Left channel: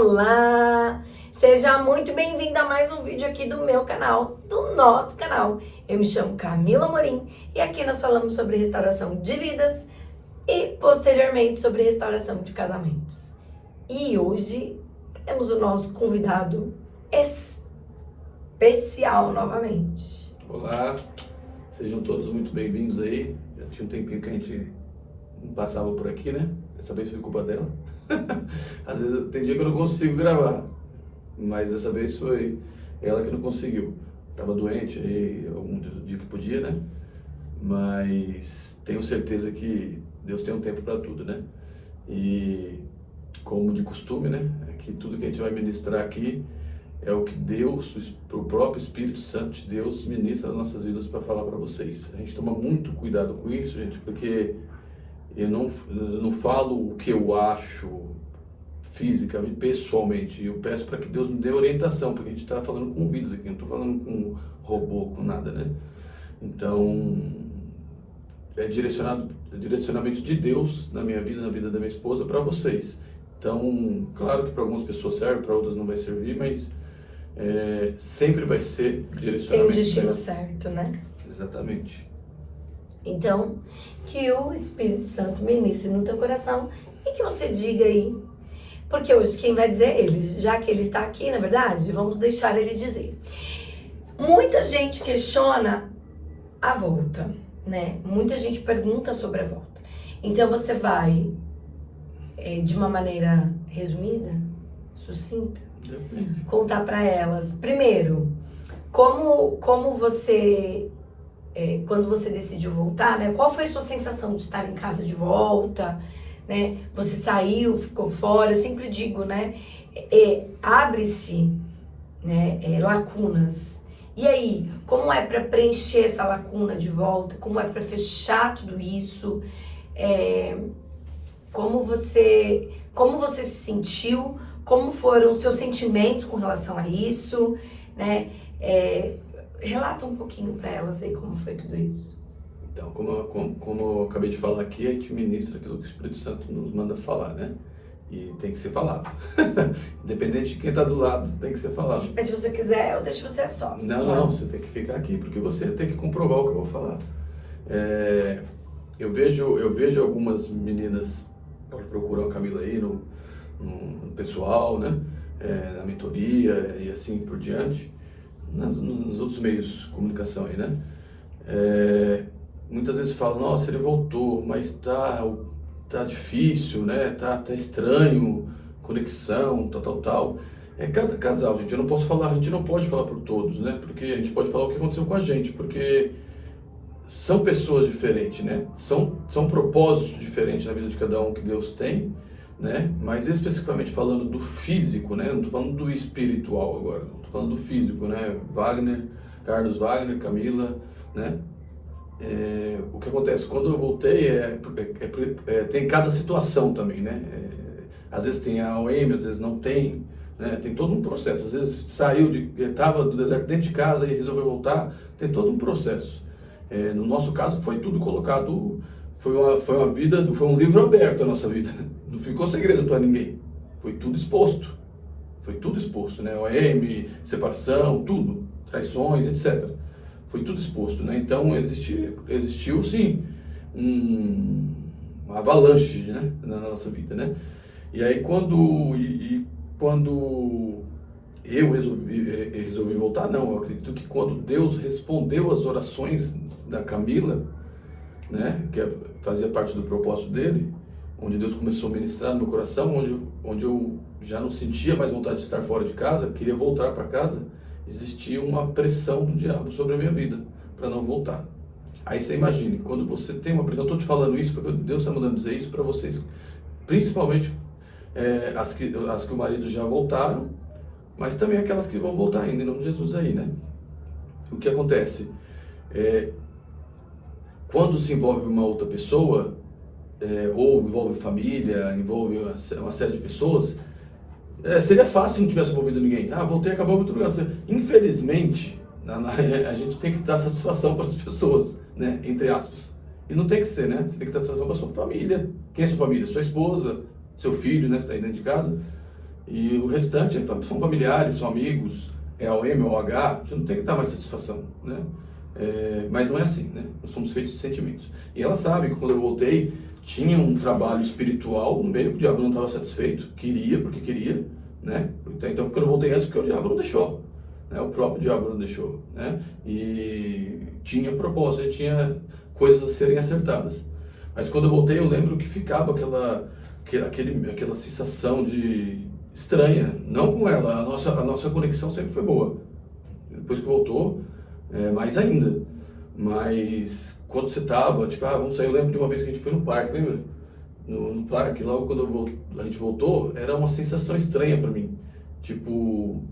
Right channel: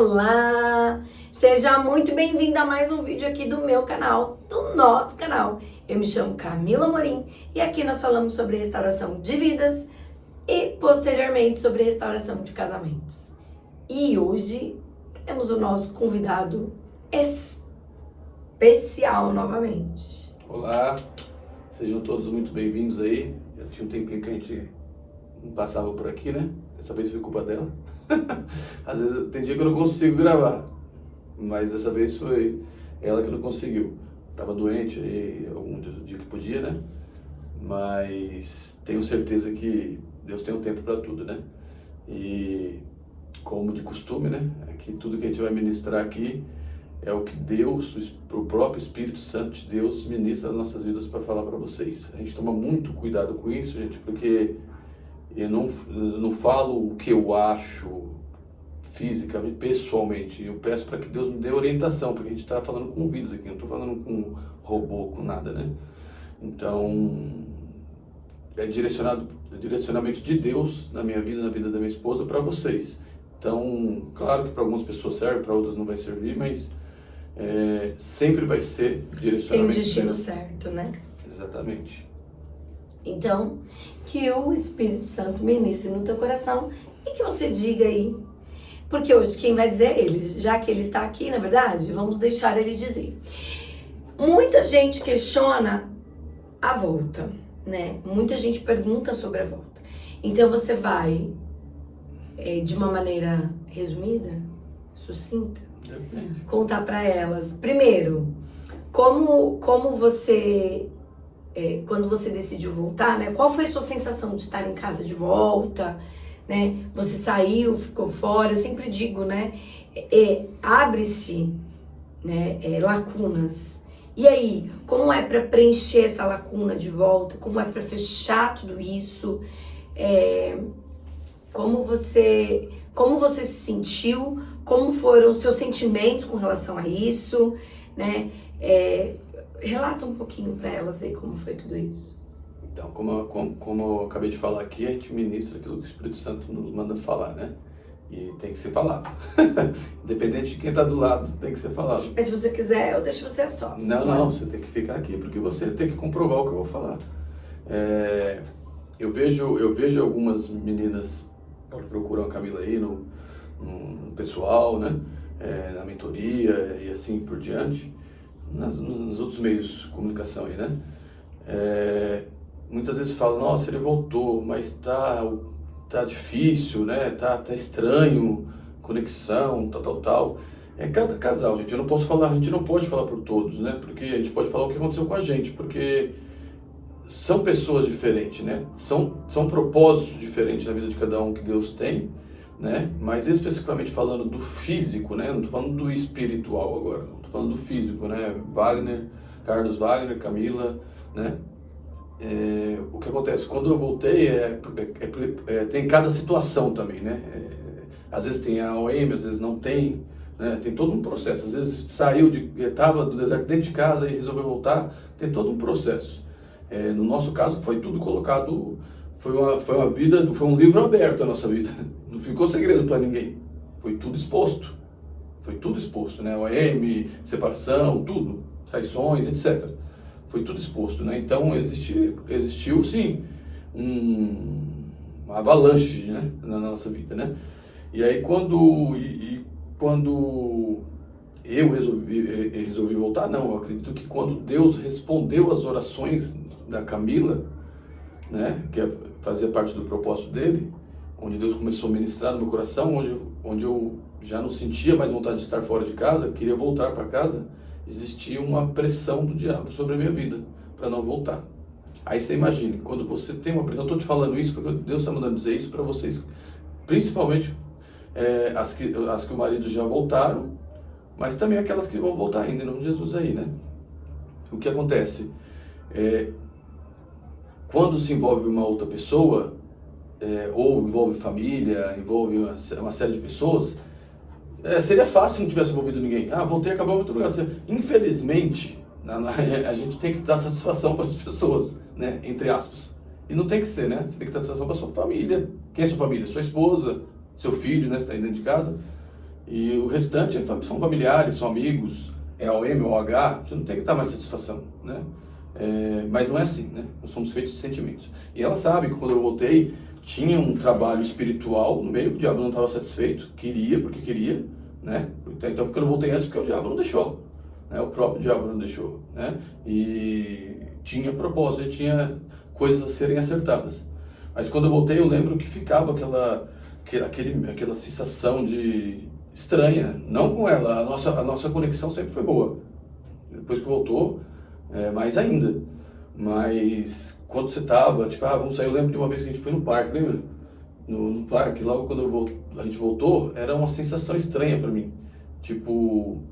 Olá! Seja muito bem-vindo a mais um vídeo aqui do meu canal, do nosso canal. Eu me chamo Camila Amorim e aqui nós falamos sobre restauração de vidas e posteriormente sobre restauração de casamentos. E hoje temos o nosso convidado especial novamente. Olá, sejam todos muito bem-vindos aí. Já tinha um tempinho que a gente não passava por aqui, né? Dessa vez foi culpa dela. Às vezes tem dia que eu não consigo gravar, mas dessa vez foi ela que não conseguiu. Tava doente aí, algum dia que podia, né? Mas tenho certeza que Deus tem um tempo para tudo, né? E como de costume, né? É que tudo que a gente vai ministrar aqui é o que Deus, o próprio Espírito Santo de Deus, ministra nas nossas vidas para falar para vocês. A gente toma muito cuidado com isso, gente, porque eu não falo o que eu acho fisicamente, pessoalmente. Eu peço para que Deus me dê orientação, porque a gente está falando com vidas aqui, não estou falando com robô, com nada, né? Então, é direcionamento de Deus na minha vida, na vida da minha esposa, para vocês. Então, claro que para algumas pessoas serve, para outras não vai servir, mas sempre vai ser direcionamento. Tem um destino certo, né? Exatamente. Então, que o Espírito Santo ministre no teu coração e que você diga aí. Porque hoje quem vai dizer é ele, já que ele está aqui, na verdade, vamos deixar ele dizer. Muita gente questiona a volta, né? Muita gente pergunta sobre a volta. Então você vai, de uma maneira resumida, sucinta, contar para elas, primeiro, como você... quando você decidiu voltar, né? Qual foi a sua sensação de estar em casa de volta, né? Você saiu, ficou fora. Eu sempre digo, né? Abre-se, né? Lacunas. E aí, como é para preencher essa lacuna de volta? Como é para fechar tudo isso? Como você se sentiu? Como foram os seus sentimentos com relação a isso, né? Relata um pouquinho para elas aí como foi tudo isso. Então, como eu acabei de falar aqui, a gente ministra aquilo que o Espírito Santo nos manda falar, né? E tem que ser falado. Independente de quem está do lado, tem que ser falado. Mas se você quiser, eu deixo você a sós. Não, você tem que ficar aqui, porque você tem que comprovar o que eu vou falar. Eu vejo algumas meninas que procuram a Camila aí no pessoal, né? Na mentoria e assim por diante. Nos outros meios de comunicação aí, né? Muitas vezes falam, nossa, ele voltou, mas tá difícil, né? Tá estranho, conexão, tal. É cada casal, gente. A gente não pode falar por todos, né? Porque a gente pode falar o que aconteceu com a gente, porque são pessoas diferentes, né? São propósitos diferentes na vida de cada um que Deus tem, né? Mas especificamente falando do físico, né? Não tô falando do espiritual agora, tô falando do físico, né? Carlos Wagner, Camila, né? O que acontece? Quando eu voltei, tem cada situação também, né? Às vezes tem a OM, às vezes não tem, né? Tem todo um processo. Às vezes estava do deserto dentro de casa e resolveu voltar, tem todo um processo. No nosso caso, foi tudo colocado, foi um livro aberto a nossa vida. Não ficou segredo para ninguém. Foi tudo exposto, né? OM, separação, tudo, traições, etc. Foi tudo exposto, né? Então existiu sim uma avalanche, né? Na nossa vida, né? E aí quando eu resolvi voltar, não, eu acredito que quando Deus respondeu as orações da Camila, né? Que fazia parte do propósito dele, onde Deus começou a ministrar no meu coração, onde eu já não sentia mais vontade de estar fora de casa, queria voltar para casa, existia uma pressão do diabo sobre a minha vida, para não voltar. Aí você imagine, quando você tem uma pressão, eu estou te falando isso porque Deus está mandando dizer isso para vocês, principalmente as que o marido já voltaram, mas também aquelas que vão voltar ainda, em nome de Jesus aí, né? O que acontece? Quando se envolve uma outra pessoa, ou envolve família, envolve uma série de pessoas, seria fácil se não tivesse envolvido ninguém. Voltei, acabou muito lugar. Infelizmente, a gente tem que dar satisfação para as pessoas, né? Entre aspas. E não tem que ser, né? Você tem que dar satisfação para a sua família. Quem é sua família? Sua esposa, seu filho, né? Você está aí dentro de casa. E o restante são familiares, são amigos, é OM ou OH, você não tem que dar mais satisfação, né? Mas não é assim, né? Nós somos feitos de sentimentos. E ela sabe que quando eu voltei, tinha um trabalho espiritual no meio, o diabo não estava satisfeito, porque queria, né? Então, quando eu voltei antes, porque o diabo não deixou, né? O próprio diabo não deixou, né? E tinha propósito, e tinha coisas a serem acertadas. Mas quando eu voltei, eu lembro que ficava aquela sensação de estranha, não com ela, a nossa conexão sempre foi boa. Depois que voltou, mais ainda. Mas quando você tava, tipo, vamos sair, eu lembro de uma vez que a gente foi no parque, lembra? No parque, logo quando a gente voltou, era uma sensação estranha pra mim. Tipo,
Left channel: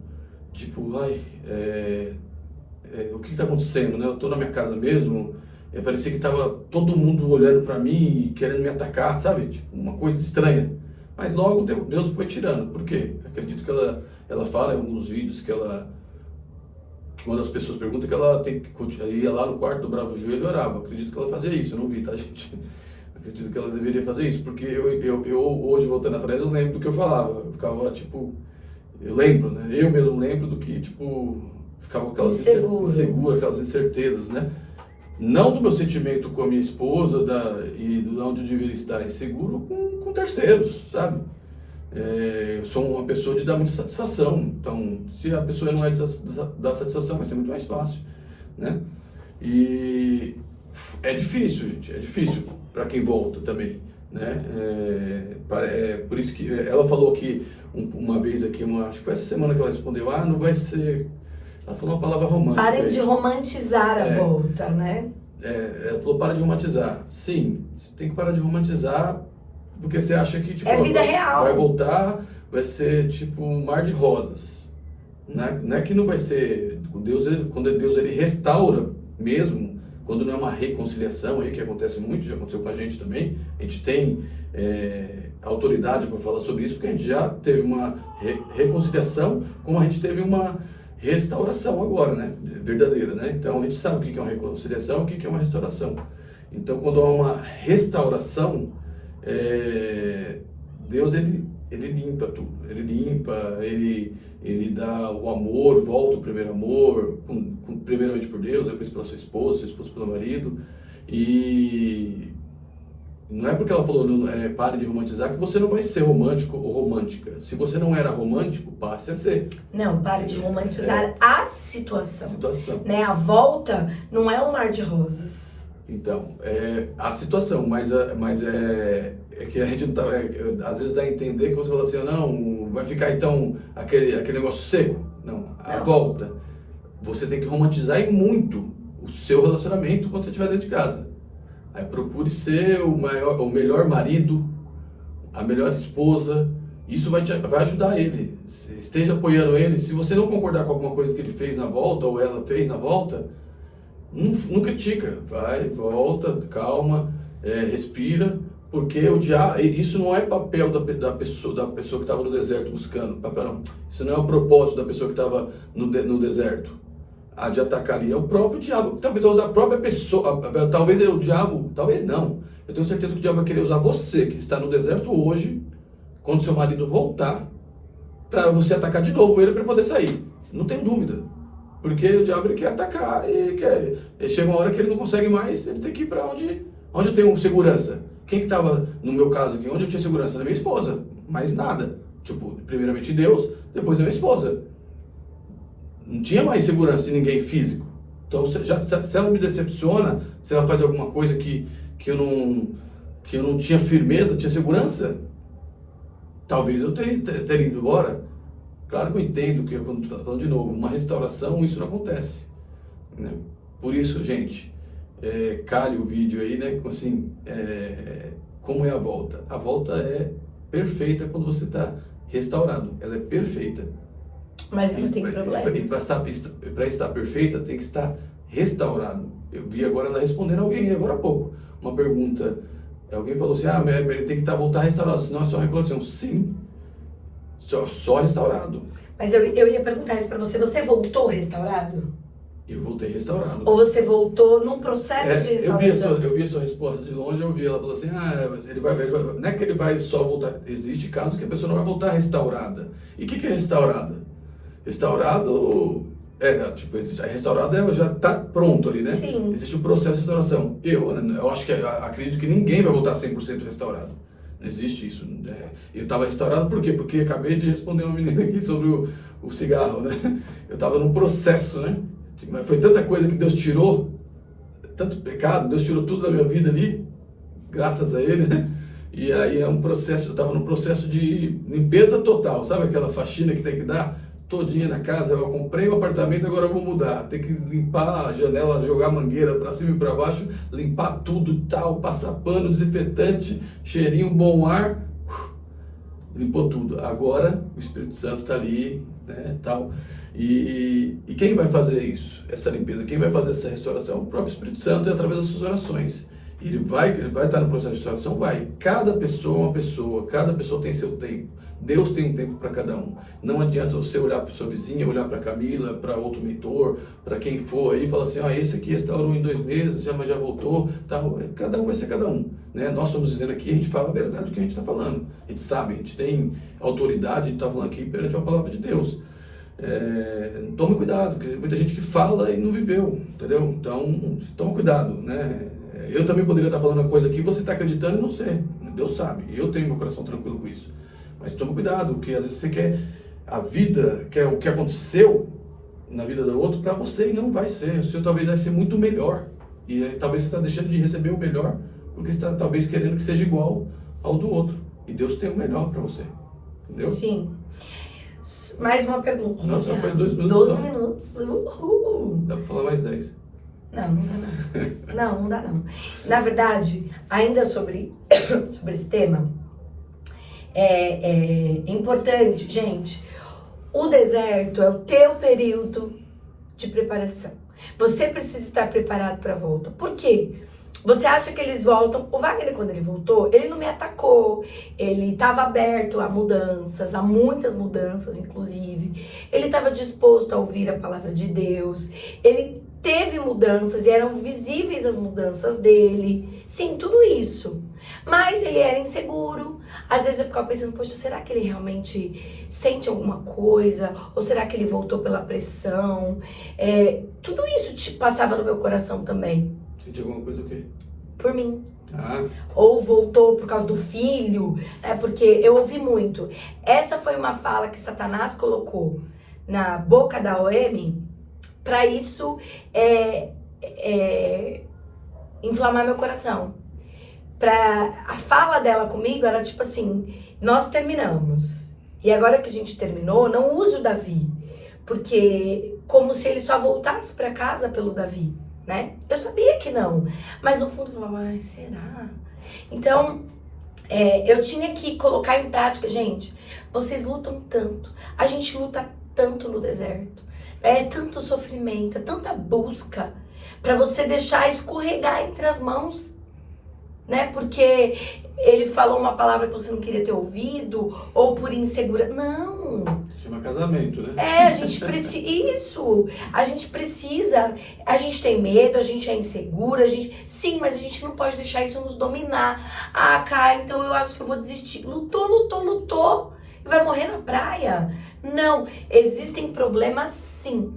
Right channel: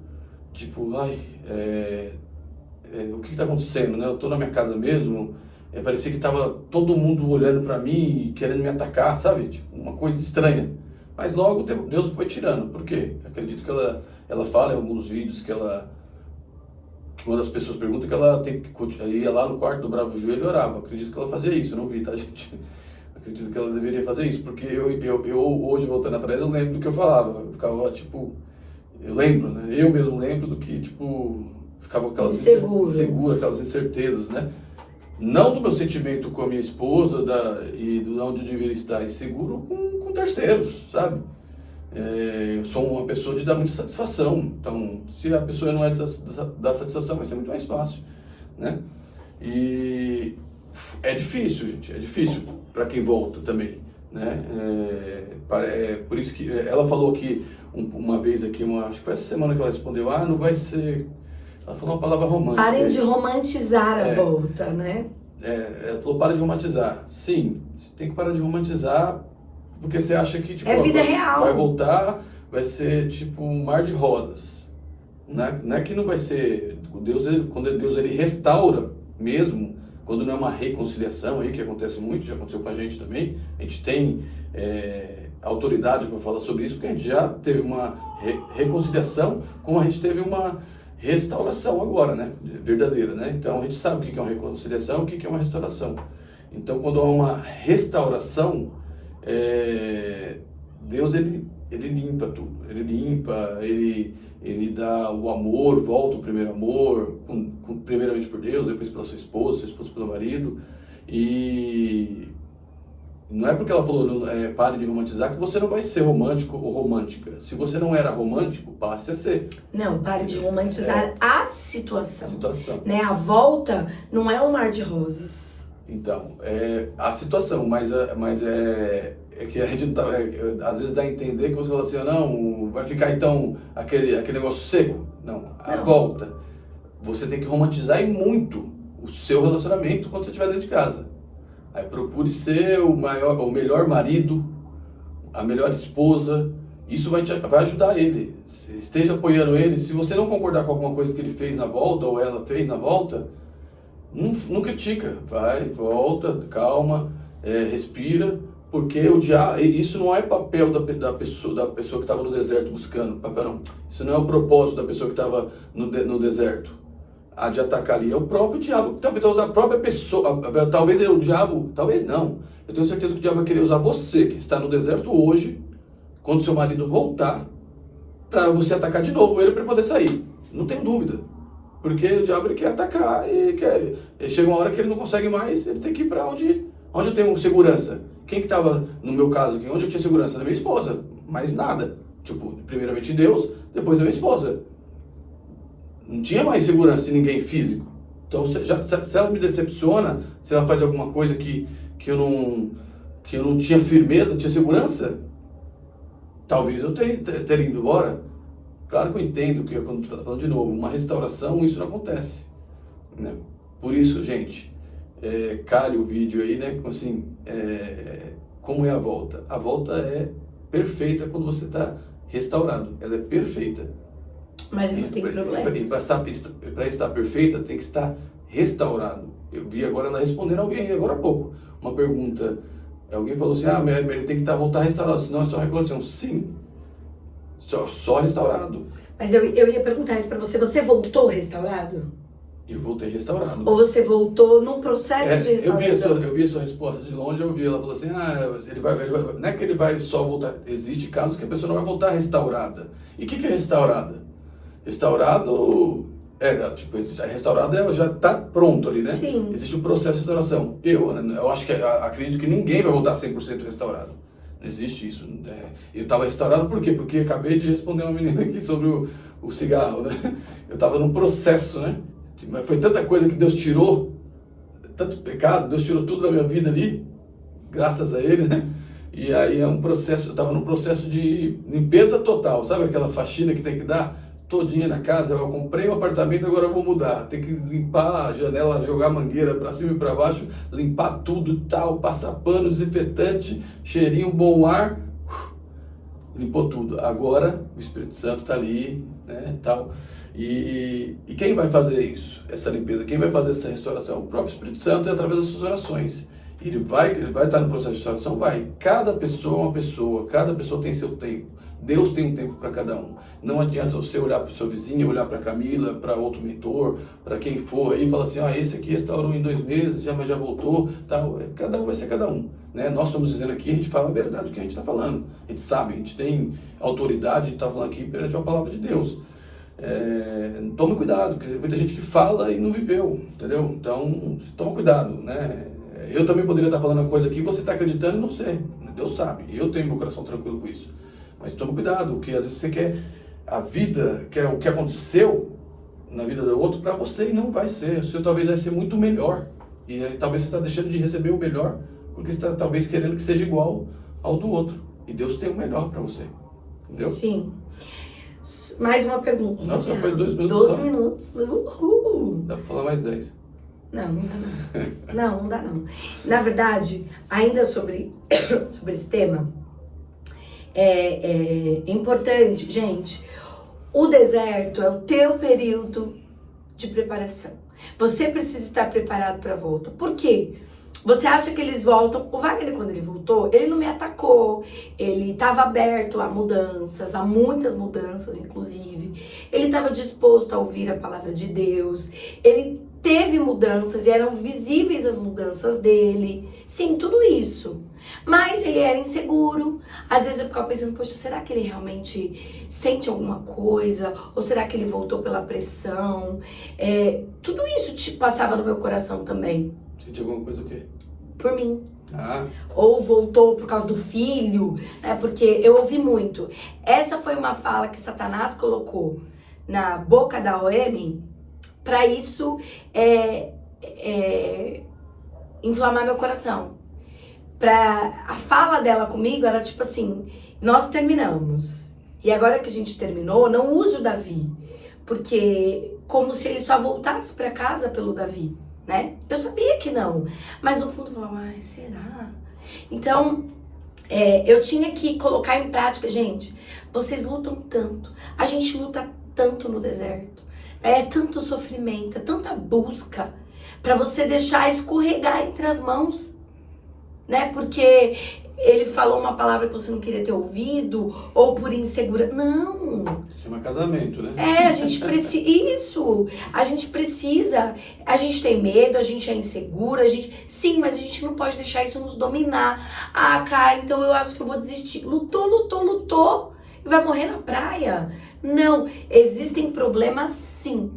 o que tá acontecendo, né? Eu tô na minha casa mesmo, parecia que tava todo mundo olhando pra mim e querendo me atacar, sabe? Tipo, uma coisa estranha. Mas logo Deus foi tirando. Por quê? Acredito que ela fala em alguns vídeos que uma das pessoas pergunta que ela ia lá no quarto, dobrava o joelho e orava. Acredito que ela fazia isso, eu não vi, tá, gente? Acredito que ela deveria fazer isso, porque eu hoje, voltando atrás, eu lembro do que eu falava. Eu ficava, tipo, eu lembro, né? Eu mesmo lembro do que, tipo, ficava com aquelas inseguro, aquelas incertezas, né? Não do meu sentimento com a minha esposa e do onde eu deveria estar, inseguro com terceiros, sabe? Eu sou uma pessoa de dar muita satisfação, então se a pessoa não é da satisfação, vai ser muito mais fácil, né? E é difícil, gente, é difícil para quem volta também, né? Por isso que ela falou aqui uma vez aqui, acho que foi essa semana que ela respondeu, não vai ser... Ela falou uma palavra romântica. Parem de romantizar a volta, né? Ela falou, para de romantizar. Sim, você tem que parar de romantizar, porque você acha que, tipo, vida real. Vai voltar, vai ser, tipo, um mar de rosas. Não é que não vai ser... Quando Deus ele restaura mesmo, quando não é uma reconciliação, aí que acontece muito, já aconteceu com a gente também, a gente tem autoridade para falar sobre isso, porque a gente já teve uma reconciliação, como a gente teve uma restauração agora, né? Verdadeira, né? Então a gente sabe o que é uma reconciliação, o que é uma restauração. Então quando há uma restauração, Deus ele limpa tudo, ele limpa, ele dá o amor, volta o primeiro amor, primeiramente por Deus, depois pela sua esposa pelo marido, e não é porque ela falou pare de romantizar que você não vai ser romântico ou romântica. Se você não era romântico, passe a ser. Não, pare de romantizar a situação. Né? A volta não é um mar de rosas. Então, a situação, mas é que a gente não tá, às vezes dá a entender que você fala assim, não, vai ficar então aquele negócio seco. Não, a volta. Você tem que romantizar e muito o seu relacionamento quando você estiver dentro de casa. Aí procure ser o melhor marido, a melhor esposa. Isso vai ajudar ele. Esteja apoiando ele. Se você não concordar com alguma coisa que ele fez na volta ou ela fez na volta, não critica. Vai, volta, calma, respira, porque isso não é papel da pessoa que estava no deserto buscando. Isso não é o propósito da pessoa que estava no deserto. De atacar ali, é o próprio diabo, talvez vai usar a própria pessoa, talvez o diabo, talvez não, eu tenho certeza que o diabo vai querer usar você, que está no deserto hoje, quando seu marido voltar, para você atacar de novo ele para poder sair, não tem dúvida, porque o diabo ele quer atacar, chega uma hora que ele não consegue mais, ele tem que ir para onde eu tenho segurança. Quem que estava, no meu caso aqui, onde eu tinha segurança? Da minha esposa, mais nada, tipo, primeiramente Deus, depois da minha esposa. Não tinha mais segurança em ninguém físico. Então, se ela me decepciona, se ela faz alguma coisa que eu não tinha firmeza, tinha segurança, talvez eu teria ido embora. Claro que eu entendo que, quando estou falando de novo, uma restauração, isso não acontece, né? Por isso, gente, calhe o vídeo aí, né? Assim, como é a volta? A volta é perfeita quando você está restaurado. Ela é perfeita. Mas ela tem problemas. E para estar perfeita, tem que estar restaurado. Eu vi agora ela respondendo alguém, agora há pouco, uma pergunta. Alguém falou assim, ele tem que voltar restaurado, senão é só recuperação. Sim, só restaurado. Mas eu ia perguntar isso para você. Você voltou restaurado? E eu voltei restaurado. Ou você voltou num processo de restauração? Eu vi a sua resposta de longe, eu vi, ela falou assim, ele vai, não é que ele vai só voltar, existe casos que a pessoa não vai voltar restaurada. E o que é restaurada? Restaurado, a restaurada ela já está pronto ali, né? Sim. Existe o processo de restauração. Eu acho que, acredito que ninguém vai voltar 100% restaurado. Não existe isso. Eu estava restaurado por quê? Porque acabei de responder uma menina aqui sobre o cigarro, né? Eu estava num processo, né? Mas foi tanta coisa que Deus tirou, tanto pecado, Deus tirou tudo da minha vida ali, graças a Ele, né? E aí é um processo, eu estava num processo de limpeza total, sabe aquela faxina que tem que dar todinha na casa? Eu comprei um apartamento, agora eu vou mudar, tem que limpar a janela, jogar mangueira para cima e para baixo, limpar tudo e tal, passar pano, desinfetante, cheirinho, bom ar, limpou tudo. Agora o Espírito Santo está ali, né, tal. E quem vai fazer isso, essa limpeza, quem vai fazer essa restauração? O próprio Espírito Santo, é através das suas orações. Ele vai estar no processo de restauração? Vai. Cada pessoa é uma pessoa, cada pessoa tem seu tempo. Deus tem um tempo para cada um. Não adianta você olhar para sua vizinha, olhar para Camila, para outro mentor, para quem for aí, e falar assim, esse aqui restaurou em 2 meses, mas já voltou, tal. Cada um vai ser cada um, né? Nós estamos dizendo aqui, a gente fala a verdade do que a gente está falando. A gente sabe, a gente tem autoridade, a gente está falando aqui perante a palavra de Deus. Tome cuidado, porque tem muita gente que fala e não viveu, entendeu? Então, toma cuidado, né? Eu também poderia estar falando uma coisa aqui, você está acreditando e não sei. Deus sabe, eu tenho meu coração tranquilo com isso. Mas toma cuidado, porque às vezes você quer a vida, quer o que aconteceu na vida do outro para você e não vai ser. O seu talvez vai ser muito melhor. E talvez você está deixando de receber o melhor, porque você está talvez querendo que seja igual ao do outro. E Deus tem o melhor para você, entendeu? Sim. Mais uma pergunta. Não, só foi 2 minutos. 12 só. minutos. Uhul. Dá para falar mais 10. Não dá não. Não dá não. Na verdade, ainda sobre esse tema, é importante, gente, o deserto é o teu período de preparação. Você precisa estar preparado para a volta. Por quê? Você acha que eles voltam? O Wagner, quando ele voltou, ele não me atacou. Ele estava aberto a mudanças, a muitas mudanças, inclusive. Ele estava disposto a ouvir a palavra de Deus. Ele teve mudanças e eram visíveis as mudanças dele. Sim, tudo isso. Mas ele era inseguro. Às vezes eu ficava pensando, poxa, será que ele realmente sente alguma coisa? Ou será que ele voltou pela pressão? Tudo isso passava no meu coração também. Sentiu alguma coisa o quê? Por mim. Ah. Ou voltou por causa do filho, né? Porque eu ouvi muito. Essa foi uma fala que Satanás colocou na boca da OM para isso inflamar meu coração. A fala dela comigo era tipo assim, nós terminamos. E agora que a gente terminou, não use o Davi. Porque como se ele só voltasse para casa pelo Davi. Né? Eu sabia que não, mas no fundo eu falava, será? Então, eu tinha que colocar em prática, gente, vocês lutam tanto, a gente luta tanto no deserto, é tanto sofrimento, é tanta busca para você deixar escorregar entre as mãos, né? Porque ele falou uma palavra que você não queria ter ouvido, ou por insegurança. Não! Chama casamento, né? A gente precisa. Isso! A gente precisa. A gente tem medo, a gente é insegura, sim, mas a gente não pode deixar isso nos dominar. Kai, então eu acho que eu vou desistir. Lutou e vai morrer na praia. Não, existem problemas sim.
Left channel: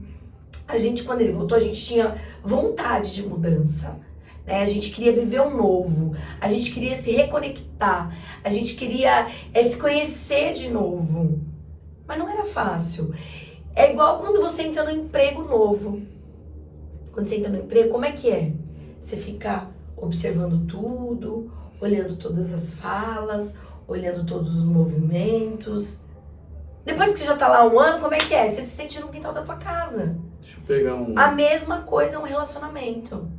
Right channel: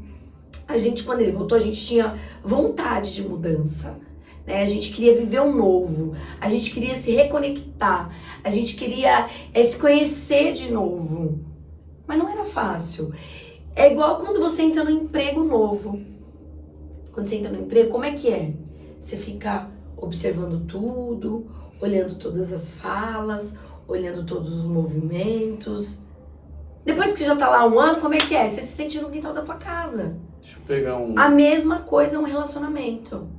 Quando ele voltou, a gente tinha vontade de mudança. A gente queria viver um novo, a gente queria se reconectar, a gente queria se conhecer de novo, mas não era fácil. É igual quando você entra no emprego novo. Quando você entra no emprego, como é que é? Você fica observando tudo, olhando todas as falas, olhando todos os movimentos. Depois que já tá lá 1 ano, como é que é? Você se sente no quintal da tua casa. Deixa eu pegar A mesma coisa é um relacionamento.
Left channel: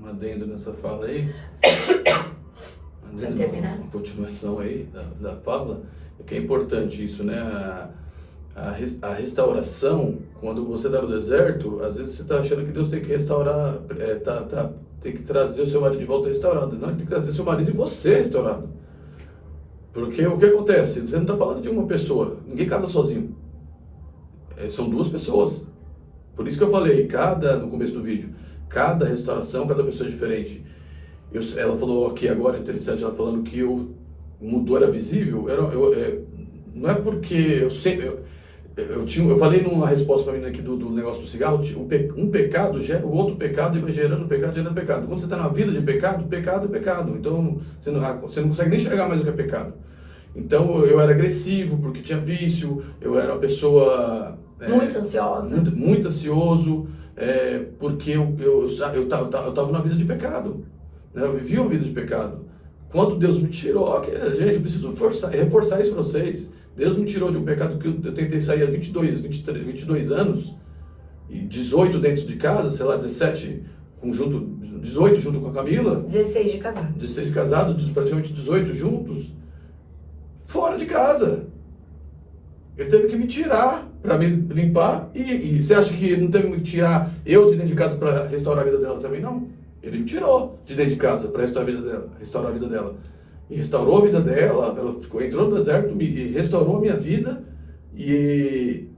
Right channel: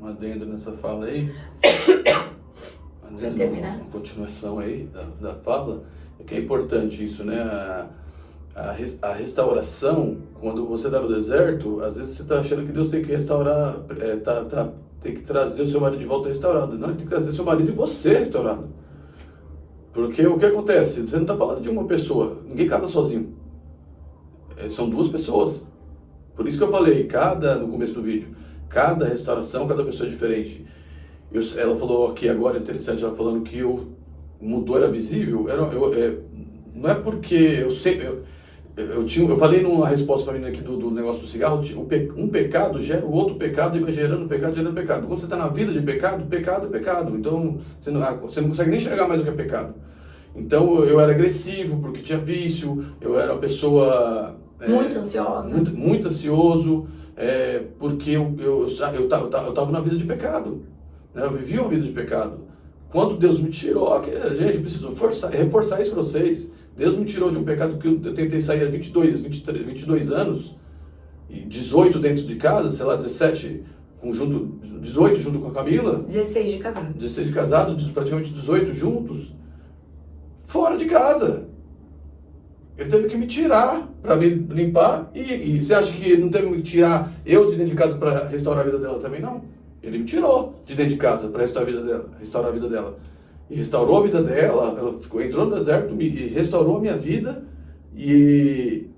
Um adendo nessa fala aí. Pra terminar? Uma continuação aí da fala. Que é importante isso, né? A restauração, quando você está no deserto, às vezes você está achando que Deus tem que restaurar, tem que trazer o seu marido de volta restaurado. Não, ele tem que trazer o seu marido e você restaurado. Porque o que acontece? Você não está falando de uma pessoa, ninguém casa sozinho. São 2 pessoas. Por isso que eu falei, no começo do vídeo, cada restauração, cada pessoa é diferente. Ela falou aqui agora, interessante, ela falando que mudou, era visível. Não é porque eu falei numa resposta para mim aqui do negócio do cigarro, um pecado gera o outro pecado e vai gerando pecado, gerando pecado. Quando você está na vida de pecado, pecado é pecado. Então você não consegue nem enxergar mais o que é pecado. Então eu era agressivo porque tinha vício, eu era uma pessoa muito ansiosa, muito ansioso, porque eu estava na vida de pecado, né? Eu vivia uma vida de pecado. Quando Deus me tirou, gente, eu preciso reforçar isso para vocês. Deus me tirou de um pecado que eu tentei sair há 22 anos, e 18 dentro de casa, sei lá, 17 18 junto com a Camila. 16 de casado. 16 de casado, praticamente 18 juntos, fora de casa. Ele teve que me tirar para me limpar. E você acha que ele não teve que me tirar eu de dentro de casa para restaurar a vida dela também? Não. Ele me tirou de dentro de casa para restaurar a vida dela. E restaurou a vida dela, ela entrou no deserto e restaurou a minha vida e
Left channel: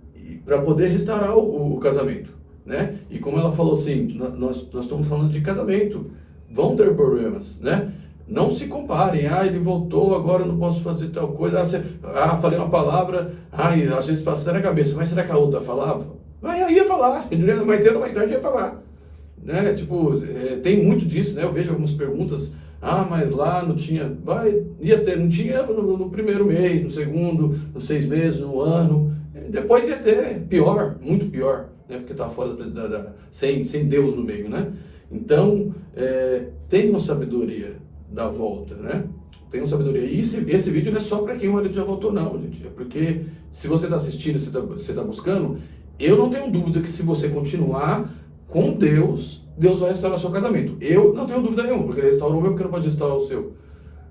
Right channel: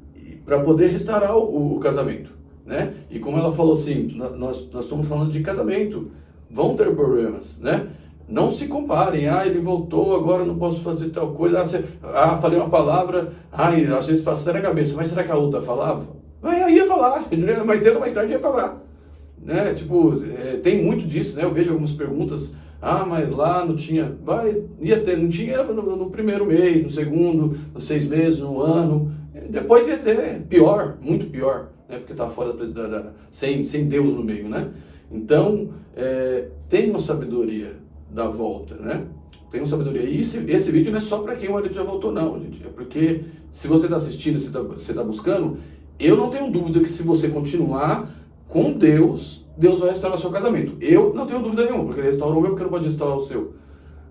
para poder restaurar o casamento, né? E como ela falou assim, nós estamos falando de casamento, vão ter problemas, né? Não se comparem, ele voltou, agora eu não posso fazer tal coisa, falei uma palavra, às vezes passa na cabeça, mas será que a outra falava? Aí ia falar, mais cedo ou mais tarde ia falar, né? Tipo, tem muito disso, né? Eu vejo algumas perguntas, mas lá não tinha, não tinha no primeiro mês, no segundo, nos 6 meses, no ano, depois ia ter, pior, muito pior, né? Porque estava fora sem Deus no meio, né? Então, tenham sabedoria da volta, né? Tenham sabedoria. E esse vídeo não é só para quem o marido já voltou, não, gente. É porque se você está assistindo, você tá buscando, eu não tenho dúvida que se você continuar com Deus vai restaurar o seu casamento. Eu não tenho dúvida nenhuma, porque ele restaurou o meu, porque não pode restaurar o seu.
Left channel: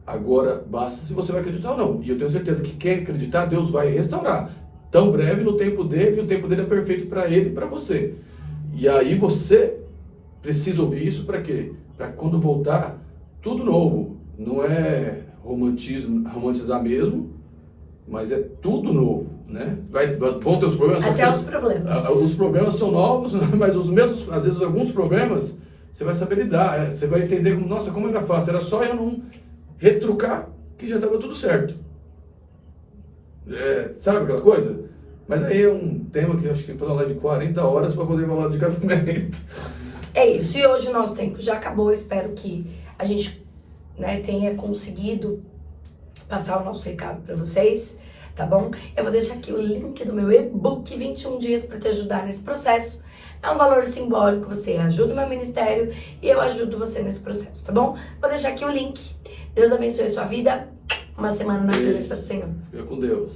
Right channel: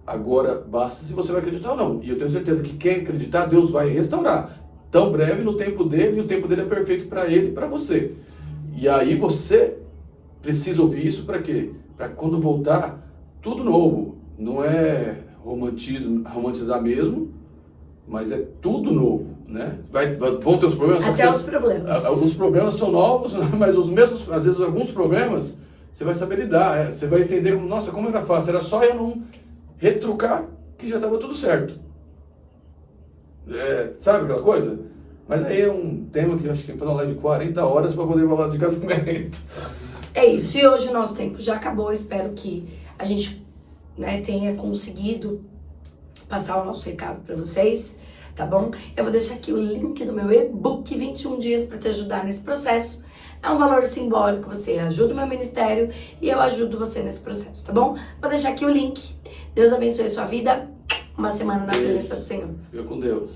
Agora, basta se você vai acreditar ou não. E eu tenho certeza que quem acreditar, Deus vai restaurar. Tão breve no tempo dele, e o tempo dele é perfeito para ele e para você. E aí você precisa ouvir isso para quê? Para quando voltar, tudo novo. Não é romantizar mesmo, mas é tudo novo, né? Vão ter os problemas. Até os problemas. Os problemas são novos, mas os mesmos, às vezes alguns problemas, você vai saber lidar. Você vai entender, nossa, como era fácil. Era só eu não retrucar que já estava tudo certo. Sabe aquela coisa? Mas aí é um tema que eu acho que tem que fazer uma live de 40 horas para poder falar de casamento. É isso. E hoje o nosso tempo já acabou. Espero que a gente, né, tenha conseguido passar o nosso recado para vocês, tá bom? Eu vou deixar aqui o link do meu e-book 21 dias para te ajudar nesse processo. É um valor simbólico, você ajuda o meu ministério e eu ajudo você nesse processo, tá bom? Vou deixar aqui o link. Deus abençoe a sua vida. Uma semana na presença do Senhor. Fica com Deus.